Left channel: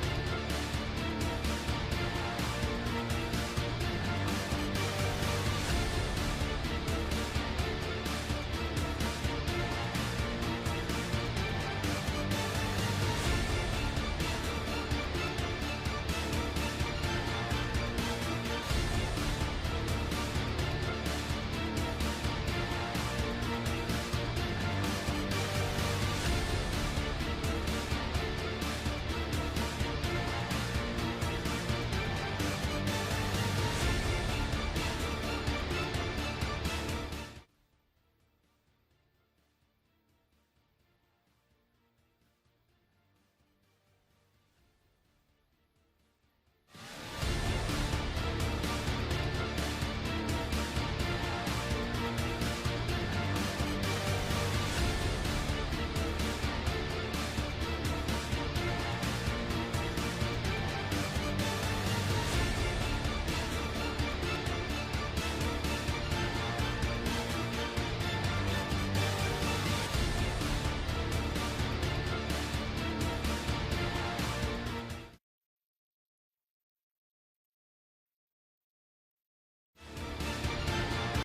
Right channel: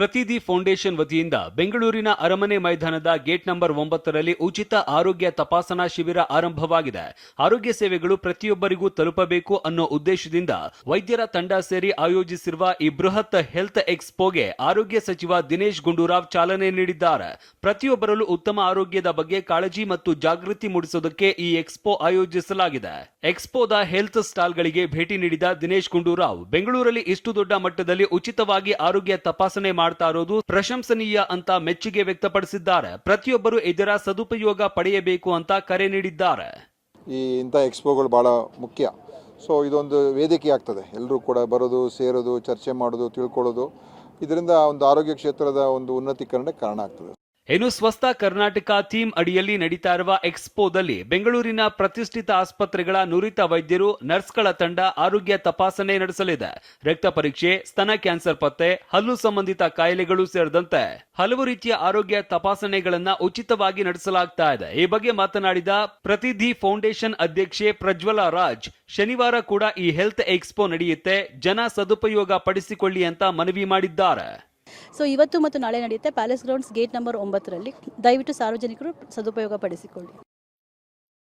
ಪ್ರತಿದಿ foundation ವತಿಯಿಂದ ಬೆಂಗಳೂರಿನ ಅರಮನೆ ಮೈದಾನದ ಗೇಟ್ ನಂಬರ್ 9ರಲ್ಲಿ ಉಚಿತ ಆರೋಗ್ಯ ತಪಾಸಣಾ ಶಿಬಿರ ಆರಂಭವಾಗಿದೆ. ಆರೋಗ್ಯ ಸೇವೆಗಳು ಪ್ರತಿಯೊಬ್ಬರಿಗೂ ತಲುಪಬೇಕು ಅನ್ನೋ ಉದ್ದೇಶದಿಂದ ವೈದ್ಯರ ತಂಡ ಸೇರಿ ಆಯೋಜಿಸಿರುವ ಈ ಬೃಹತ್ ಹೆಲ್ತ್ ಎಕ್ಸ್ಪೋಗೆ ಆರೋಗ್ಯ ಸಚಿವ ದಿನೇಶ್ ಗುಂಡೂರಾವ್ ಚಾಲನೆ ನೀಡಿದ್ದಾರೆ. ಪ್ರತಿಯೊಬ್ಬರಲ್ಲೂ ಉತ್ತಮ ಆರೋಗ್ಯದ ಬಗ್ಗೆ ಕಾಳಜಿ ಮತ್ತು ಜಾಗೃತಿ ಮೂಡಿಸೋದಕ್ಕೆ ಈ ಎಕ್ಸ್ಪೋ ಆಯೋಜಿಸಲಾಗಿದೆ. ಎಕ್ಸ್ಪೋದ ಹೆಲ್ತ್ ಸ್ಟಾಲ್ಗಳಿಗೆ ಭೇಟಿ ನೀಡಿದ ದಿನೇಶ್ ಗುಂಡೂರಾವ್ ಬೆಂಗಳೂರಲ್ಲಿ ಇಷ್ಟು ದೊಡ್ಡ ಮಟ್ಟದಲ್ಲಿ ಉಚಿತವಾಗಿ ಆರೋಗ್ಯ ತಪಾಸಣೆ ಮಾಡ್ತಾ ಇರೋದು ಪ್ರಶಂಸನೀಯ ಅಂತ ಮೆಚ್ಚುಗೆ ವ್ಯಕ್ತಪಡಿಸಿದ್ದಾರೆ. ಪ್ರತಿಯೊಬ್ಬರು ಇದರ ಸದುಪಯೋಗ ಪಡೆಯಬೇಕು ಅಂತ ಕರೆ ನೀಡಿದ್ದಾರೆ. ಇಂಥ ಎಕ್ಸ್ಪೋಗಳು ಬಹಳ ಮುಖ್ಯ. ಸೊ ಇದೊಂದು ವೇದಿಕೆ ಆಗ್ತದೆ, ಎಲ್ಲರೂ ಕೂಡ ಬರೋದು, ಸೇರೋದು, ಚರ್ಚೆ ಮಾಡೋದು, ತಿಳ್ಕೊಳ್ಳೋದು. ಇದರಿಂದ ಒಂದು ಆರೋಗ್ಯ ಕ್ಷೇತ್ರದ ಒಂದು ಉನ್ನತೀಕರಣಕ್ಕೆ ಕಾರಣ ಆಗ್ತದೆ. ಇನ್ನು ಸ್ವಸ್ಥ ಕರ್ನಾಟಕ ಥೀಮ್ ಅಡಿಯಲ್ಲಿ ನಡೀತಾ ಇರುವ ಎಕ್ಸ್ಪೋದಲ್ಲಿ ಬೆಂಗಳೂರಿನ ಪ್ರತಿಷ್ಠಿತ ಆಸ್ಪತ್ರೆಗಳ ನುರಿತ ವೈದ್ಯರು, ನರ್ಸ್ಗಳ ತಂಡ ಆರೋಗ್ಯ ತಪಾಸಣೆ ನಡೆಸಲಿದೆ. ರಕ್ತ ಪರೀಕ್ಷೆ, ಸ್ತನ ಕ್ಯಾನ್ಸರ್ ಪತ್ತೆ, ಹಲ್ಲು ಸಂಬಂಧಿತ ಕಾಯಿಲೆಗಳು ಸೇರಿದಂತೆ ಹಲವು ರೀತಿಯ ಆರೋಗ್ಯ ತಪಾಸಣೆಗಳನ್ನ ಉಚಿತವಾಗಿ ನಡೆಸಲಾಗ್ತಾ ಇದೆ. ಈ ಬಗ್ಗೆ ಮಾತನಾಡಿದ ಪ್ರತಿದಿ ಫೌಂಡೇಶನ್ ಅಧ್ಯಕ್ಷೆ ಪ್ರಜ್ವಲಾ ರಾಜ್, ಶನಿವಾರ ಕೂಡ ಈ ಹೆಲ್ತ್ ಎಕ್ಸ್ಪೋ ನಡೆಯುತ್ತೆ, ಜನ ಸದುಪಯೋಗ ಪಡಿಸಿಕೊಳ್ಳಿ ಅಂತ ಮನವಿ ಮಾಡಿದ್ದಾರೆ. ಸೊ ಇವತ್ತು ಮತ್ತು ನಾಳೆ ನಡೆಯುತ್ತೆ ಪ್ಯಾಲೇಸ್ ಗ್ರೌಂಡ್ಸ್ ಗೇಟ್ ನಂಬರ್ 9ರಲ್ಲಿ. ದಯವಿಟ್ಟು ಸಾರ್ವಜನಿಕರು ಸದುಪಯೋಗ ಪಡಿಸಿಕೊಳ್ಳಿ.